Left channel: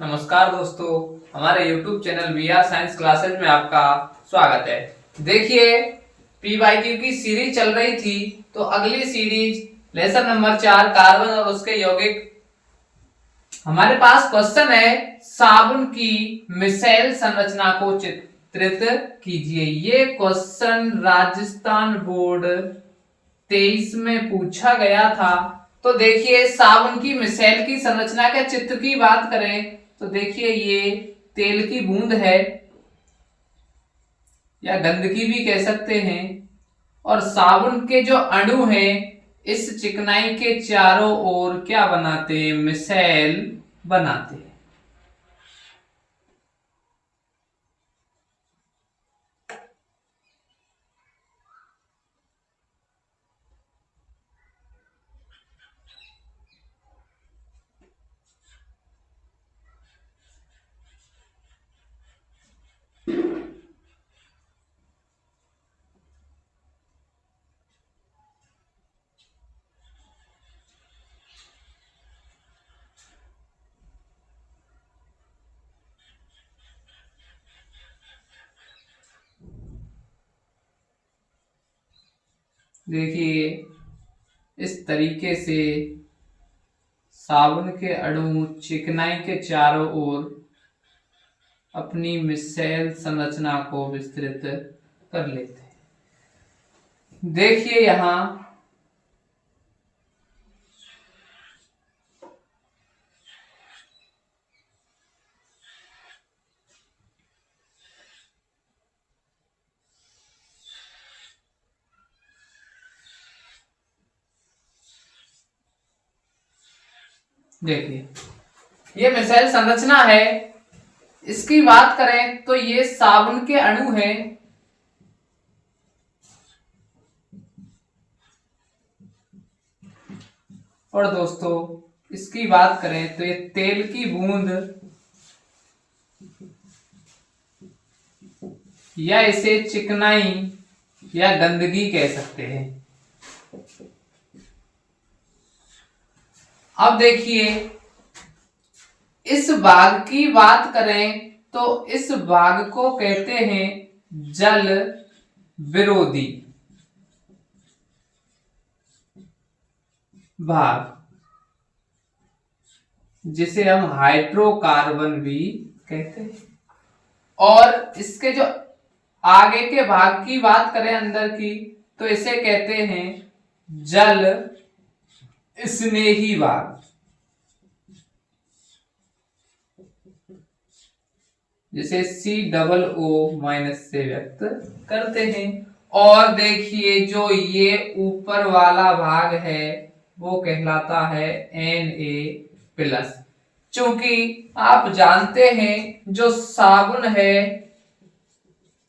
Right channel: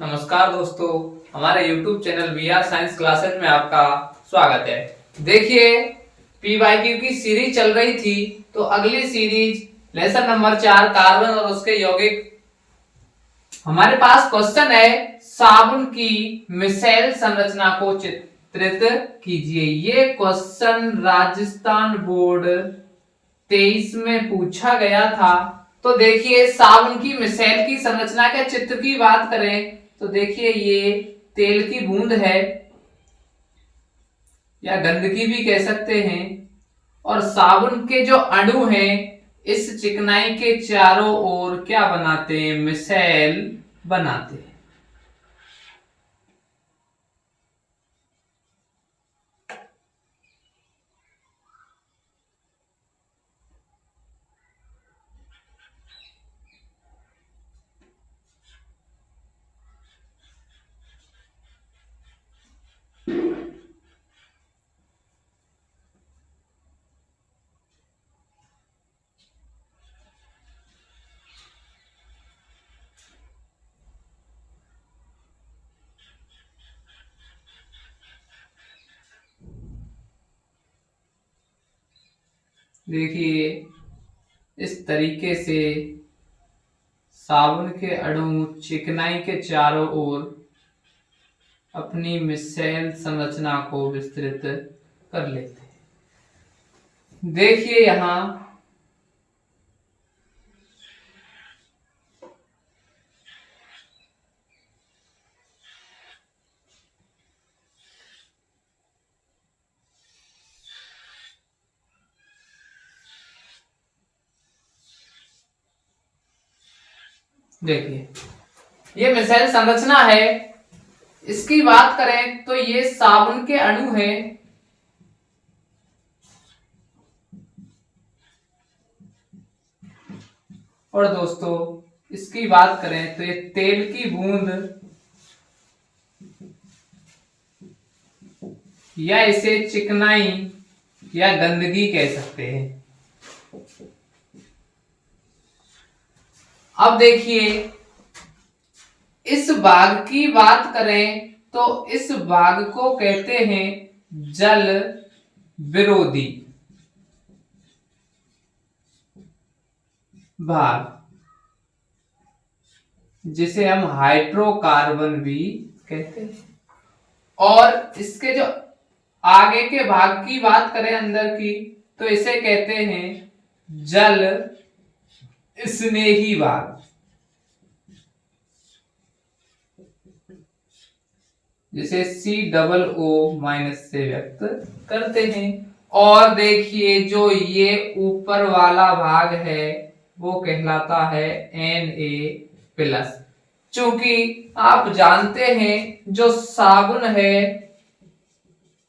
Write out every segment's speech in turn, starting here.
नमस्कार दोस्तों, हमारे YouTube channel we are science classes में आपका स्वागत है। देखिए, पीवाईक्यू की सीरीज चल रही थी, तो अगली सीरीज लेसन नंबर 4 कार्बन और उसके यौगिक। हमारे पास क्वेश्चन है, साबुन की मिसाइल संरचना को चित्रित कीजिए। ये क्वेश्चन राजस्थान बोर्ड 23 में पूछा गया था। तो देखिए, साबुन की मिसाइल की संरचना के चित्र की बात करें तो देखिए, ये तेल की बूंद है या गंदगी भी कह सकते हैं। और साबुन के जो अणु हैं, इस चिकनाई के चारों ओर क्या बनाते हैं? मिसाइल बनाते हैं। देखिए, इस तरीके से साबुन के अणु चिकनाई के चारों ओर अपनी मिसाइल संरचना को विस्तृत कर लेते हैं। देखिए यहां देखिए, ये मिसाइल संरचना है। इसकी बात करें तो ये साबुन के अणु हैं। और दोस्तों, इसकी बात करें तो ये तेल की बूंद या इसे चिकनाई या गंदगी कह सकते हैं। अब देखिए, इस भाग की बात करें तो इस भाग को कहते हैं जल विरोधी भाग, जिसे हम हाइड्रोकार्बन भी कहते हैं। और इसके जो आगे के भाग की बात करें अंदर की, तो इसे कहते हैं जल स्नेही भाग, जिसे COO- से व्यक्त करते हैं। और देखिए, जो ये ऊपर वाला भाग है वो कहलाता है Na+। चूंकि आप जानते हैं, जो साबुन है,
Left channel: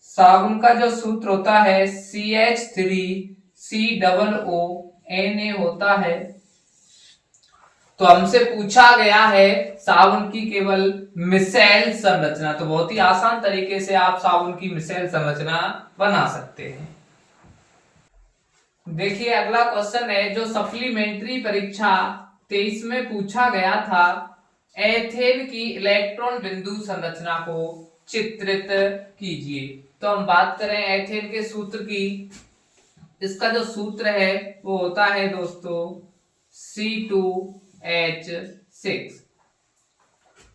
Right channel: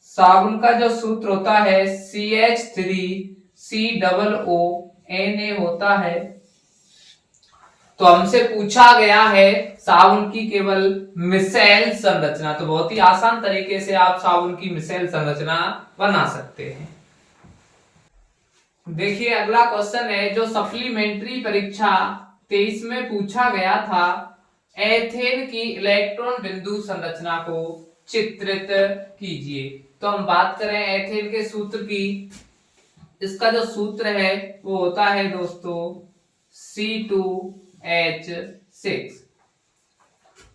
साबुन का जो सूत्र होता है CH3COO Na होता है। तो हमसे पूछा गया है साबुन की केवल मिसाइल संरचना, तो बहुत ही आसान तरीके से आप साबुन की मिसाइल संरचना बना सकते हैं। देखिए, अगला क्वेश्चन है जो सप्लीमेंट्री परीक्षा 23 में पूछा गया था। एथेन की इलेक्ट्रॉन बिंदु संरचना को चित्रित कीजिए। तो हम बात करें एथेन के सूत्र की। इसका जो सूत्र है वो होता है दोस्तों C2H6,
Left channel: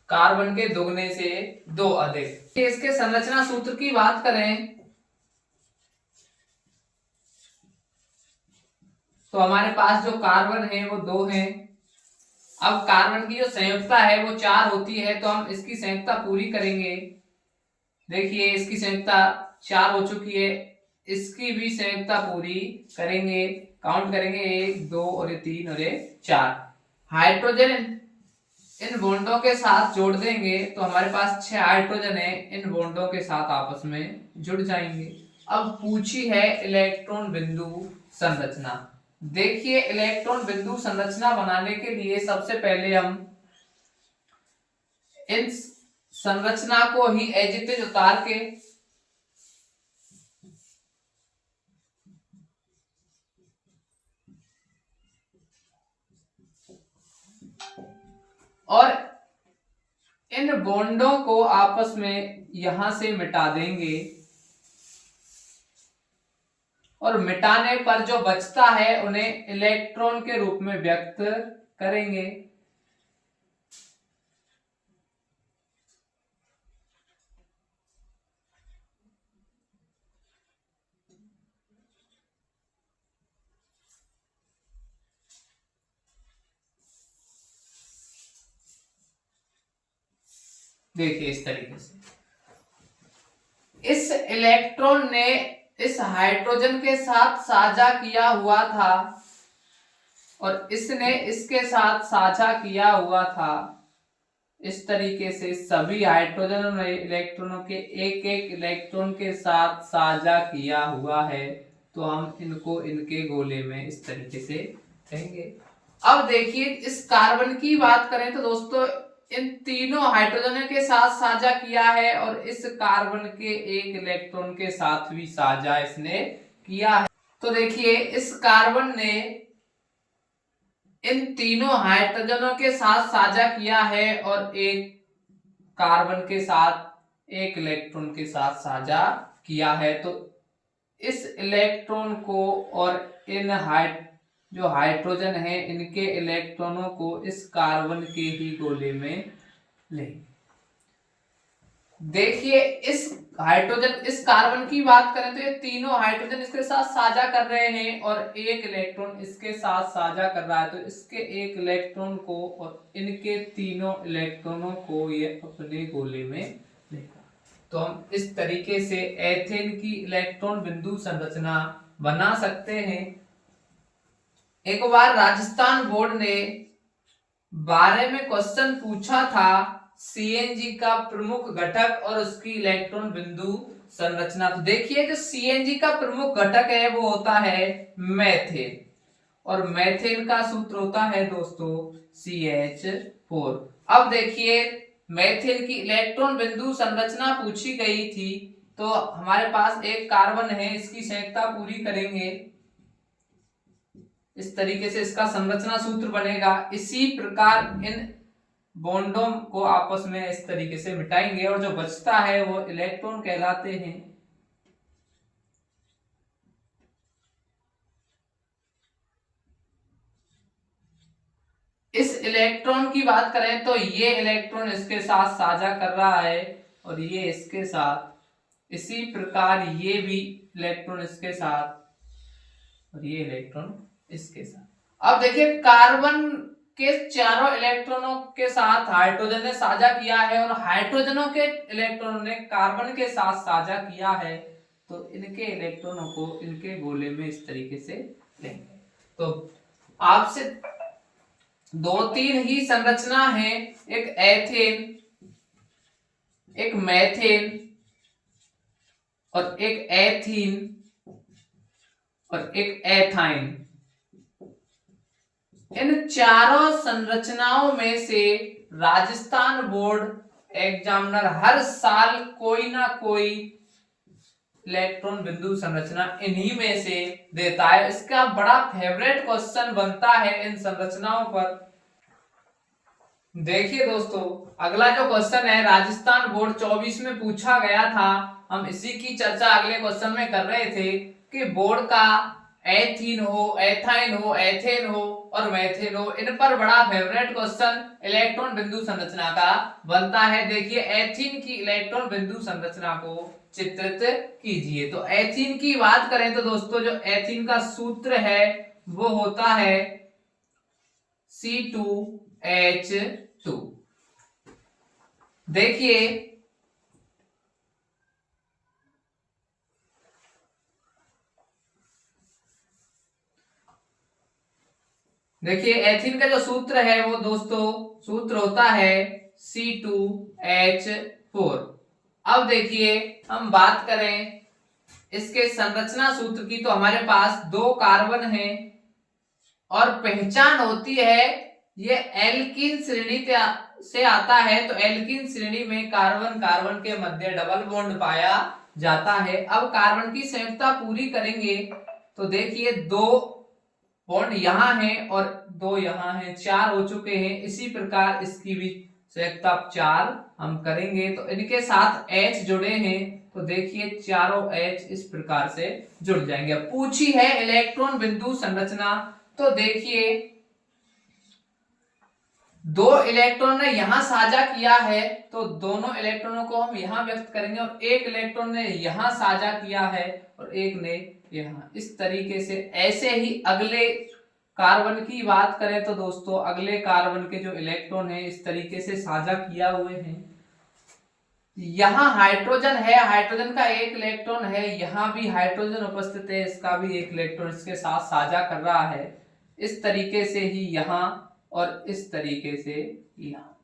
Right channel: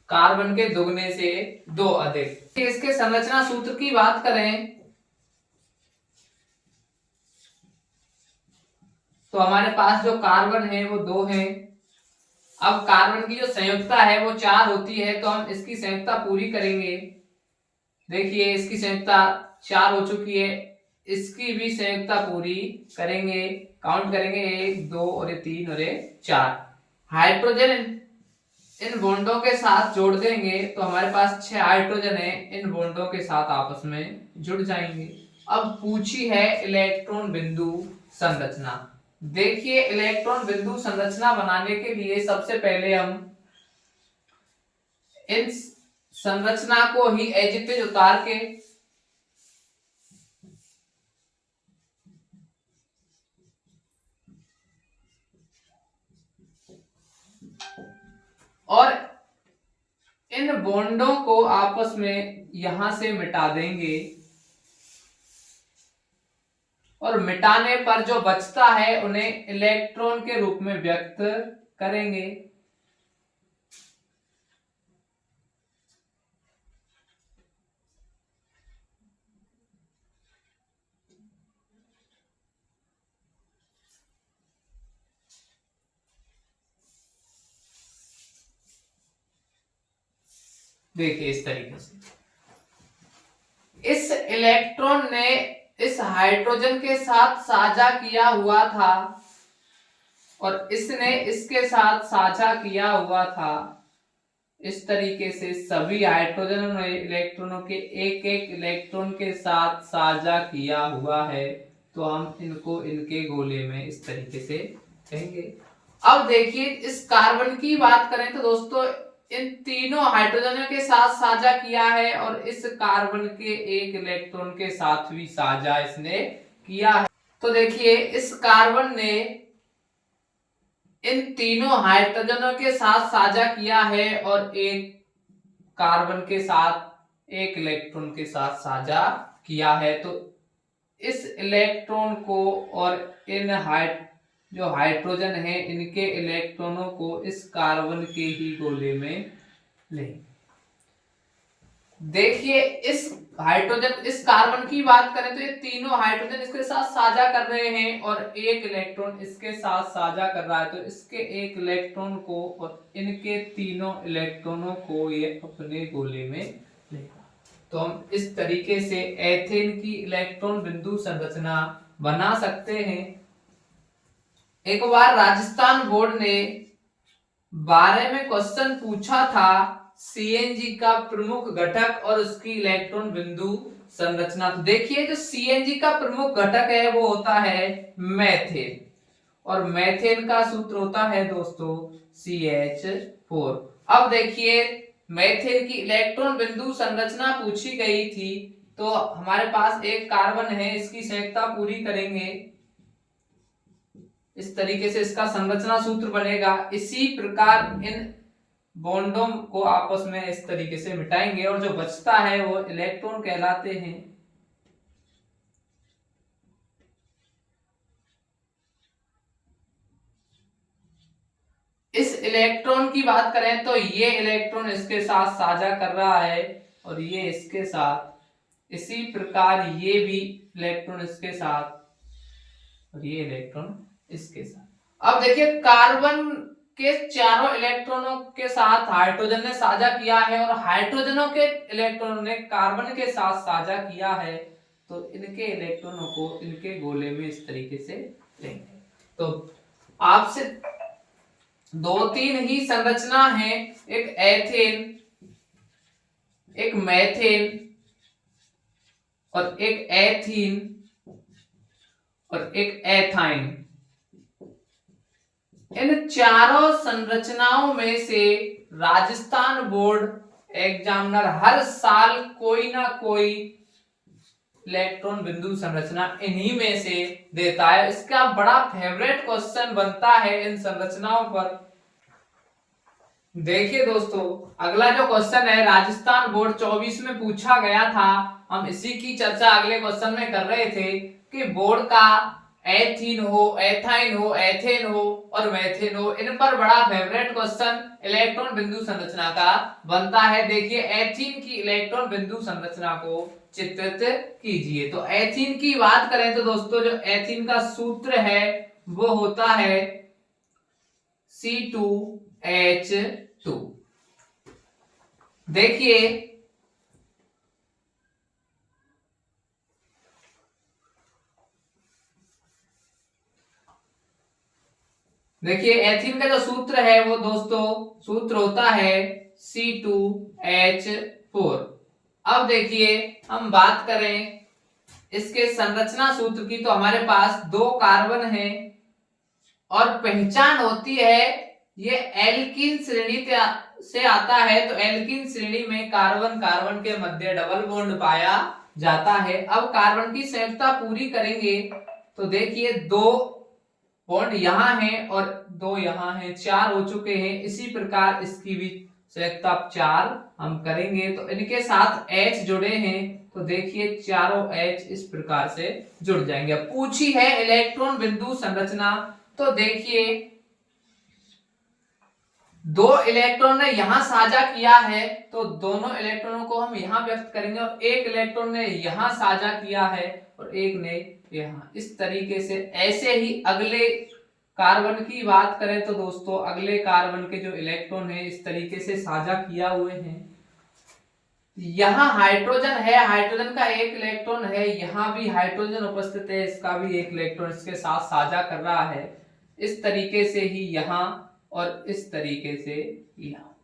कार्बन के दुगने से 2 अधिक। इसके संरचना सूत्र की बात करें तो हमारे पास जो कार्बन है वो 2 है। अब कार्बन की जो संयुक्ता है वो 4 होती है, तो हम इसकी संयुक्ता पूरी करेंगे। देखिए, इसकी संयुक्ता 4 हो चुकी है, इसकी भी संयुक्ता पूरी करेंगे। काउंट करेंगे 1 2 और ये 3 और ये 4। हाइड्रोजन इन बॉन्डों के साथ जोड़ देंगे तो हमारे पास 6 हाइड्रोजन है, इन बॉन्डों के साथ आपस में जुड़ जाएंगे। अब पूछी है इलेक्ट्रॉन बिंदु संरचना। देखिए, इलेक्ट्रॉन बिंदु संरचना बनाने के लिए सबसे पहले हम इन संरचना को ही एज इट इज उतार के और इन बॉन्डों को आपस में यहां से मिटा देंगे और मिटाने पर जो बचता है उन्हें इलेक्ट्रॉन के रूप में व्यक्त करेंगे। देखिए इस तरीके से इस इलेक्ट्रॉन ने इस हाइड्रोजन के साथ साझा किया हुआ था और इसने इसके साथ साझा किया हुआ था। इस तरीके से सभी हाइड्रोजन ने इलेक्ट्रॉनों के एक एक इलेक्ट्रॉन के साथ साझा किया हुआ है, तो हम इनको इनके गोले में इस तरीके से कहेंगे। अब देखिए इस कार्बन की बात करें तो दोस्तों इन तीनों हाइड्रोजनों के साथ साझा किया है और इस कार्बन के एक इलेक्ट्रॉन के साथ भी साझा इसने किया है। तो देखिए इस कार्बन ने इन तीनों हाइड्रोजनों के साथ साझा किया है और एक कार्बन के साथ एक इलेक्ट्रॉन के साथ साझा किया है। तो इस इलेक्ट्रॉन को और इन जो हाइड्रोजन है इनके इलेक्ट्रॉनों को इस कार्बन के ही गोले में लें। देखिए इस हाइड्रोजन इस कार्बन की बात करें तो ये तीनों हाइड्रोजन इसके साथ साझा कर रहे हैं और एक इलेक्ट्रॉन इसके साथ साझा कर रहा है, तो इसके एक इलेक्ट्रॉन को और इनके तीनों इलेक्ट्रॉनों को ये अपने गोले में लेगा। तो हम इस तरीके से एथेन की इलेक्ट्रॉन बिंदु संरचना बना सकते हैं। एक बार राजस्थान बोर्ड ने 12 में क्वेश्चन पूछा था सीएनजी का प्रमुख घटक और उसकी इलेक्ट्रॉन बिंदु संरचना। तो देखिए जो सीएनजी का प्रमुख घटक है वो होता है मेथेन और मेथेन का सूत्र होता है दोस्तों CH4। अब देखिए मेथेन की इलेक्ट्रॉन बिंदु संरचना पूछी गई थी, तो हमारे पास एक कार्बन है, इसकी संयुक्ता पूरी करेंगे। इस तरीके से इसका संरचना सूत्र बनेगा। इसी प्रकार इन बॉन्डों को आपस में इस तरीके से मिटाएंगे और जो बचता है वो इलेक्ट्रॉन कहलाते हैं। इस इलेक्ट्रॉन की बात करें तो ये इलेक्ट्रॉन इसके साथ साझा कर रहा है और ये इसके साथ, इसी प्रकार ये भी इलेक्ट्रॉन इसके साथ और ये इलेक्ट्रॉन इसके साथ। अब देखिए कार्बन के चारों इलेक्ट्रॉनों के साथ हाइड्रोजन ने साझा किया है और हाइड्रोजनों के इलेक्ट्रॉनों ने कार्बन के साथ साझा किया है, तो इनके इलेक्ट्रॉनों को इनके गोले में इस तरीके से लेंगे। तो आपसे 2-3 ही संरचना है, एक एथेन, एक मेथेन और एक एथीन और एक एथाइन। इन चारों संरचनाओं में से राजस्थान बोर्ड एग्जामिनर हर साल कोई ना कोई इलेक्ट्रॉन बिंदु संरचना इन्हीं में से देता है। इसका बड़ा फेवरेट क्वेश्चन बनता है इन संरचनाओं पर। देखिए दोस्तों अगला जो क्वेश्चन है राजस्थान बोर्ड 24 में पूछा गया था, हम इसी की चर्चा अगले क्वेश्चन में कर रहे थे कि बोर्ड का एथीन हो, एथाइन हो, एथेन हो और मेथेन हो, इन पर बड़ा फेवरेट क्वेश्चन इलेक्ट्रॉन बिंदु संरचना का बनता है। देखिए एथीन की इलेक्ट्रॉन बिंदु संरचना को चित्रित कीजिए। तो एथीन की बात करें तो दोस्तों जो एथीन का सूत्र है वो होता है C2H2। देखिए एथीन का जो सूत्र है वो दोस्तों सूत्र होता है C2H4। अब देखिए हम बात करें इसके संरचना सूत्र की, तो हमारे पास 2 कार्बन हैं और पहचान होती है ये एल्कीन श्रेणी से आता है, तो एल्कीन श्रेणी में कार्बन कार्बन के मध्य डबल बॉन्ड पाया जाता है। अब कार्बन की संयुक्ता पूरी करेंगे तो देखिए 2 बॉन्ड यहां है और 2 यहां है, 4 हो चुके हैं। इसी प्रकार इसकी भी संयुक्ता 4 हम करेंगे तो इनके साथ H जुड़े हैं, तो देखिए चारों H इस प्रकार से जुड़ जाएंगे। अब पूछी है इलेक्ट्रॉन बिंदु संरचना, तो देखिए 2 इलेक्ट्रॉन ने यहां साझा किया है, तो दोनों इलेक्ट्रॉनों को हम यहां व्यक्त करेंगे, और एक इलेक्ट्रॉन ने यहां साझा किया है और एक ने यहां। इस तरीके से ऐसे ही अगले कार्बन की बात करें तो दोस्तों अगले कार्बन के जो इलेक्ट्रॉन है इस तरीके से साझा किया हुए हैं। यहाँ हाइड्रोजन है, हाइड्रोजन का एक इलेक्ट्रॉन है, यहाँ भी हाइड्रोजन उपस्थित है, इसका भी एक इलेक्ट्रॉन इसके साथ साझा कर रहा है। इस तरीके से ही यहाँ और इस तरीके से यहाँ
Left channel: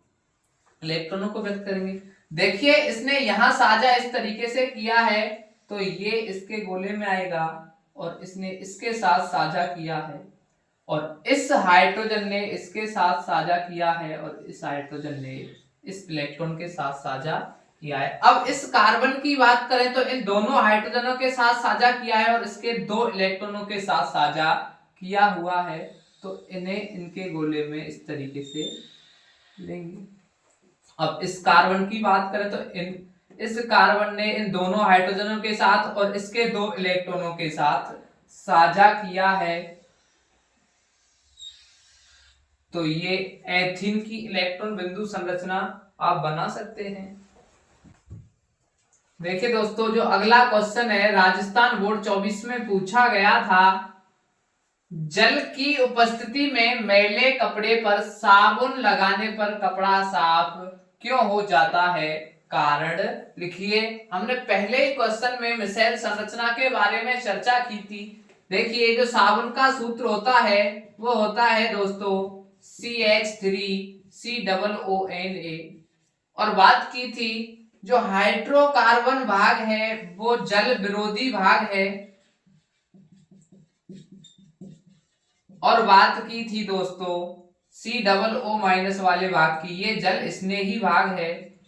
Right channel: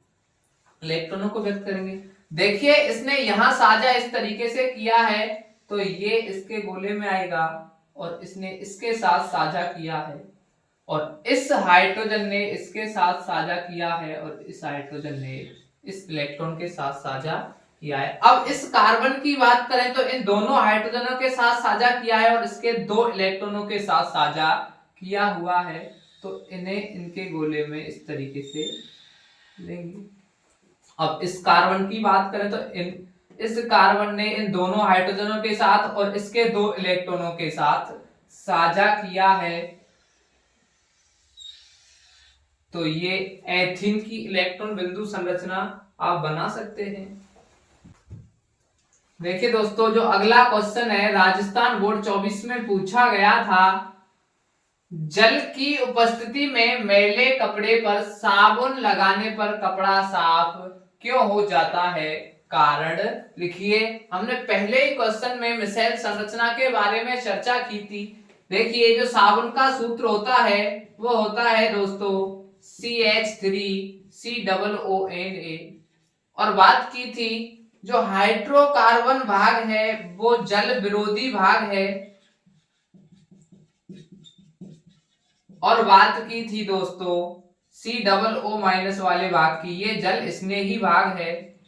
इलेक्ट्रॉनों को व्यक्त करेंगे। देखिए इसने यहाँ साझा इस तरीके से किया है, तो ये इसके गोले में आएगा, और इसने इसके साथ साझा किया है, और इस हाइड्रोजन ने इसके साथ साझा किया है, और इस हाइड्रोजन ने इस इलेक्ट्रॉन के साथ साझा किया है। अब इस कार्बन की बात करें तो इन दोनों हाइड्रोजनों के साथ साझा किया है और इसके 2 इलेक्ट्रॉनों के साथ साझा किया हुआ है, तो इन्हें इनके गोले में इस तरीके से लेंगे। अब इस कार्बन की बात करें तो इस कार्बन ने इन दोनों हाइड्रोजनों के साथ और इसके 2 इलेक्ट्रॉनों के साथ साझा किया है, तो ये एथीन की इलेक्ट्रॉन बिंदु संरचना आप बना सकते हैं। देखिए दोस्तों जो अगला क्वेश्चन है राजस्थान बोर्ड 24 में पूछा गया था, जल की उपस्थिति में मैले कपड़े पर साबुन लगाने पर कपड़ा साफ क्यों हो जाता है, कारण लिखिए। हमने पहले ही क्वेश्चन में मिसेल संरचना के बारे में चर्चा की थी। देखिए जो साबुन का सूत्र होता है वो होता है दोस्तों CH3COONA, और बात की थी जो हाइड्रोकार्बन भाग है वो जल विरोधी भाग है, और बात की थी दोस्तों COO- वाले भाग की, ये जल स्नेही भाग है।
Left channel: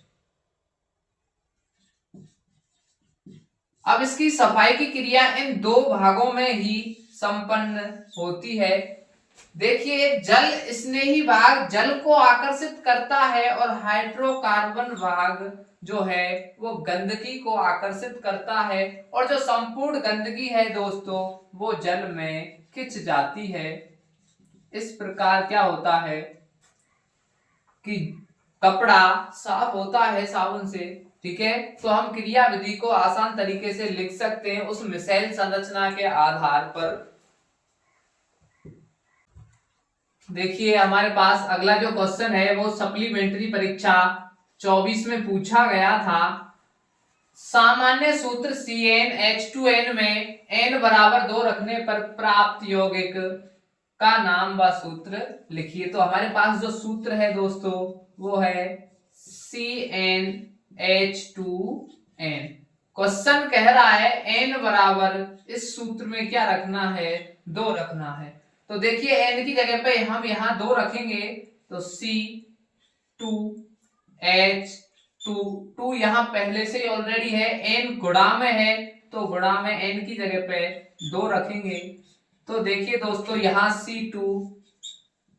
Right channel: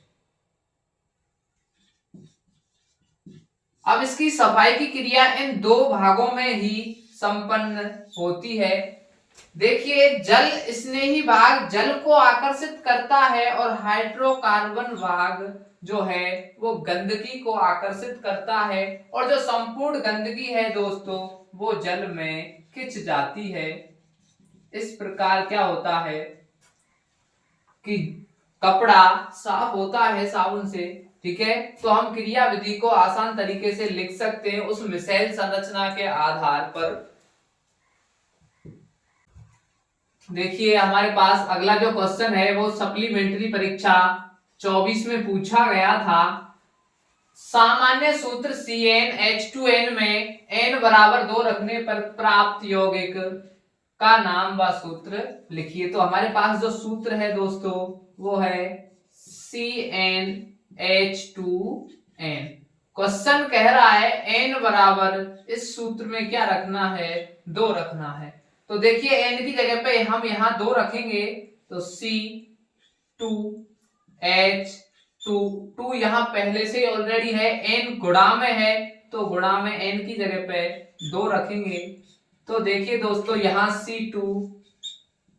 अब इसकी सफाई की क्रिया इन 2 भागों में ही संपन्न होती है। देखिए जल स्नेही भाग जल को आकर्षित करता है, और हाइड्रोकार्बन भाग जो है वो गंदगी को आकर्षित करता है, और जो संपूर्ण गंदगी है दोस्तों वो जल में खिंच जाती है। इस प्रकार क्या होता है कि कपड़ा साफ होता है साबुन से। ठीक है, तो हम क्रिया विधि को आसान तरीके से लिख सकते हैं उस मिसेल संरचना के आधार पर। देखिए हमारे पास अगला जो क्वेश्चन है वो सप्लीमेंट्री परीक्षा 24 में पूछा गया था। सामान्य सूत्र CnH2n में n बराबर 2 रखने पर प्राप्त यौगिक का नाम व सूत्र लिखिए। तो हमारे पास जो सूत्र है दोस्तों वो है CnH2n। क्वेश्चन कह रहा है n बराबर, इस सूत्र में क्या रखना है, 2 रखना है। तो देखिए n की जगह पे हम यहाँ 2 रखेंगे, तो C2H2 यहाँ पहले से ऑलरेडी है, n गुणा में है, तो गुणा में n की जगह पे 2 रखेंगे। तो देखिए दोस्तों यहाँ C2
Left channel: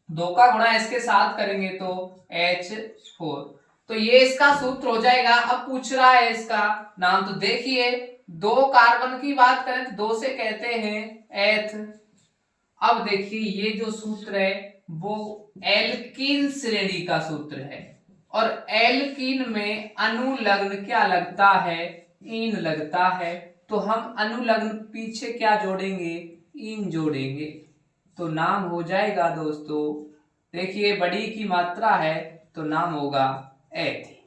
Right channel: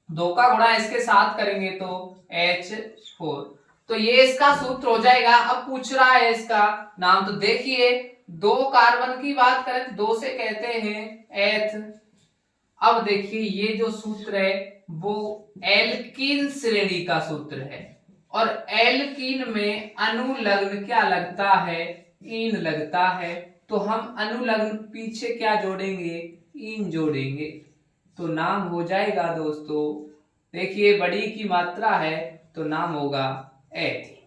2 का गुणा इसके साथ करेंगे तो H4, तो ये इसका सूत्र हो जाएगा। अब पूछ रहा है इसका नाम, तो देखिए 2 कार्बन की बात करें तो 2 से कहते हैं एथ। अब देखिए ये जो सूत्र है वो एल्कीन श्रेणी का सूत्र है, और एल्कीन में अनुलग्न क्या लगता है, ईन लगता है, तो हम अनुलग्न पीछे क्या जोड़ेंगे, ईन जोड़ेंगे, तो नाम हो जाएगा दोस्तों, देखिए बड़ी की मात्रा है तो नाम होगा एथीन।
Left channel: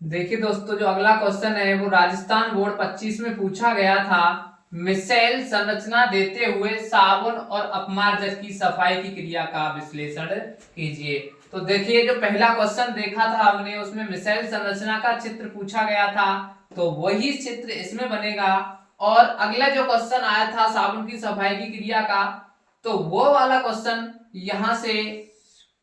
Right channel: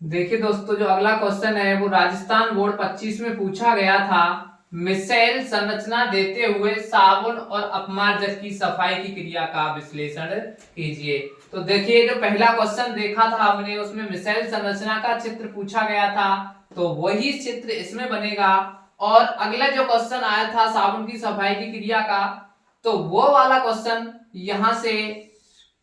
देखिए दोस्तों जो अगला क्वेश्चन है वो राजस्थान बोर्ड 25 में पूछा गया था। मिसेल संरचना देते हुए साबुन और अपमार्जक की सफाई की क्रिया का विश्लेषण कीजिए। तो देखिए जो पहला क्वेश्चन देखा था हमने उसमें मिसेल संरचना का चित्र पूछा गया था, तो वही चित्र इसमें बनेगा। और अगला जो क्वेश्चन आया था साबुन की सफाई की क्रिया का, तो वो वाला क्वेश्चन यहां से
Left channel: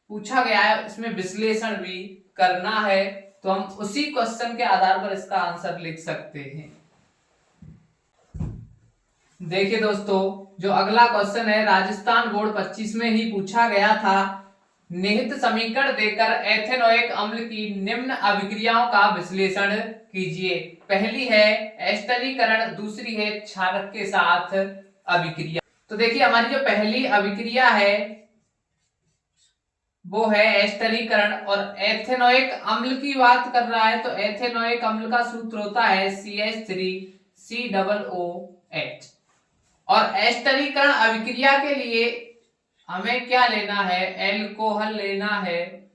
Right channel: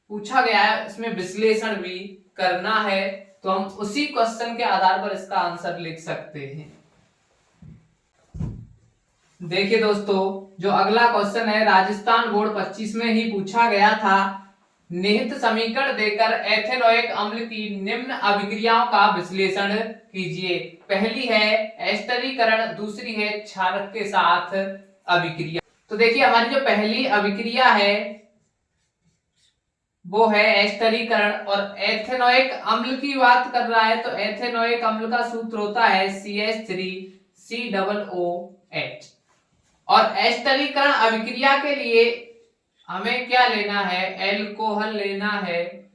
पूछा गया है, इसमें विश्लेषण भी करना है, तो हम उसी क्वेश्चन के आधार पर इसका आंसर लिख सकते हैं। देखिए दोस्तों, जो अगला क्वेश्चन है राजस्थान बोर्ड 25 में ही पूछा गया था। निहित समीकरण देकर एथेनोइक अम्ल की निम्न अभिक्रियाओं का विश्लेषण कीजिए। पहली है एस्टरीकरण, दूसरी है क्षारक के साथ अभिक्रिया। तो देखिए हमारी जो पहली अभिक्रिया है वो है एस्टरीकरण, और एथेनोइक अम्ल की बात कर रहा है तो एथेनोइक अम्ल का सूत्र होता है CH3COOH। और एस्टरीकरण अभिक्रिया के लिए हमें क्या लेना है, एल्कोहल लेना है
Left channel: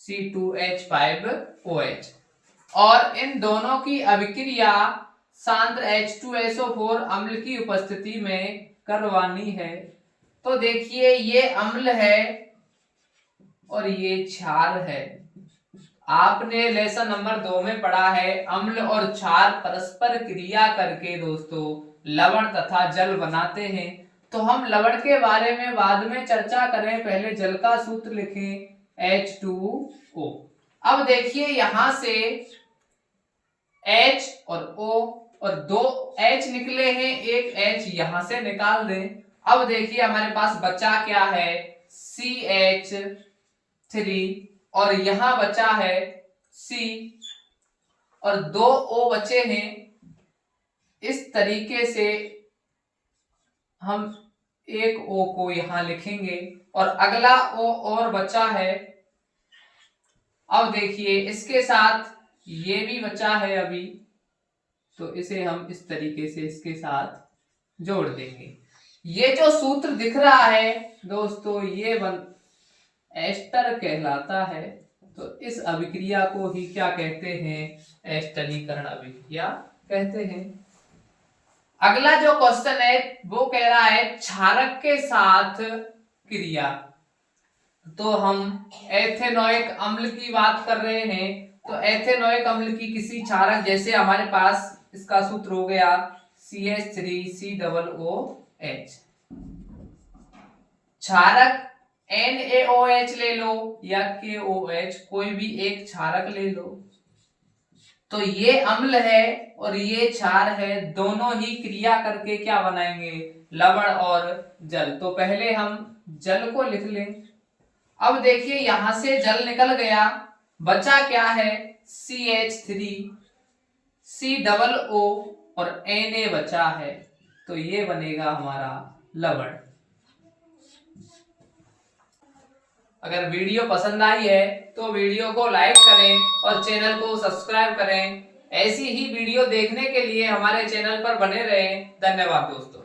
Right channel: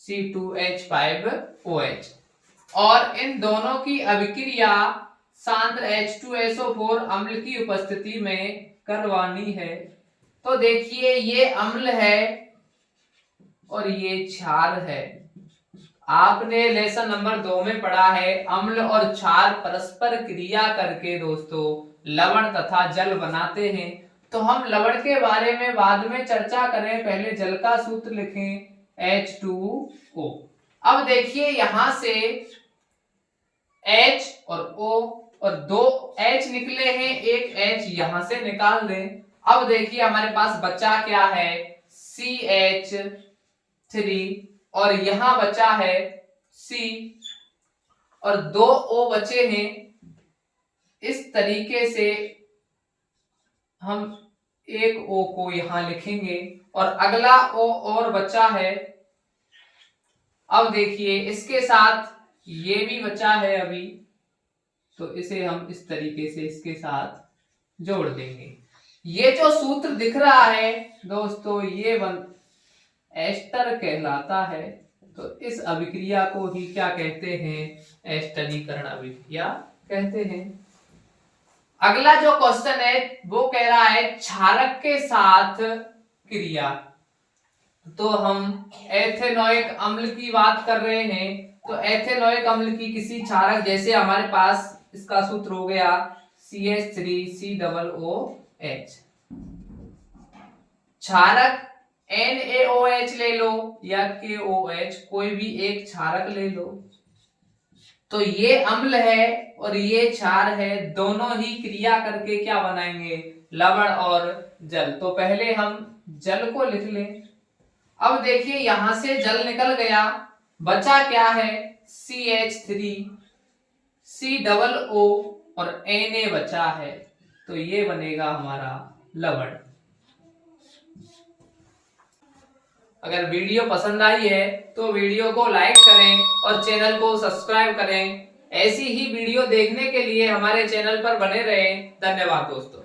C2H5OH, और इन दोनों की अभिक्रिया सांद्र H2SO4 अम्ल की उपस्थिति में करवानी है। तो देखिए ये अम्ल है और ये क्षार है। आपने लेसन नंबर 2 में पढ़ा है अम्ल और क्षार परस्पर क्रिया करके दोस्तों लवण तथा जल बनाते हैं। तो हम लवण के बारे में बाद में चर्चा करें, पहले जल का सूत्र लिखें H2O। अब देखिए यहां से H और O और दो H निकले हैं, एक H यहां से निकाल दें। अब देखिए हमारे पास बचा क्या है, CH3 और यहां बचा है C और दो O बचे हैं। इस तरीके से हम एक O को यहां लिखेंगे और अगला O और बचा है। अब देखिए इसके साथ ये भी बचा है अभी, तो इसे हम इस तरीके से इसके साथ जोड़ देंगे। ये जो सूत्र दिख रहा है दोस्तों ये एस्टर कहलाता है। तो इस अभिक्रिया को ही क्या कहते हैं, एस्टरीकरण अभिक्रिया कहते हैं। अगला जो क्वेश्चन है वो कह रहा है क्षारक के साथ क्रिया। तो हम एथेनोइक अम्ल की बात कर रहे हैं, तो एथेनोइक अम्ल की किसी क्षारक, जैसे हमारे पास इसका सूत्र हो गया CH3COOH। क्षारक NaOH ले लो या KOH, कोई भी एक क्षारक ले लो। तो ये अम्ल है और ये क्षार है, दोनों ही क्रिया करके क्या बनाएंगे, लवण और जल। तो पहले हम जल को लिख लें। अब देखिए यहां से जल निकल गया, बचा क्या है CH3 COO और Na बचा है, तो ये बनेगा हमारा लवण। अगर वीडियो पसंद आई है तो वीडियो को लाइक करें और चैनल को सब्सक्राइब करें। ऐसी ही वीडियो देखने के लिए हमारे चैनल पर बने रहें। धन्यवाद दोस्तों।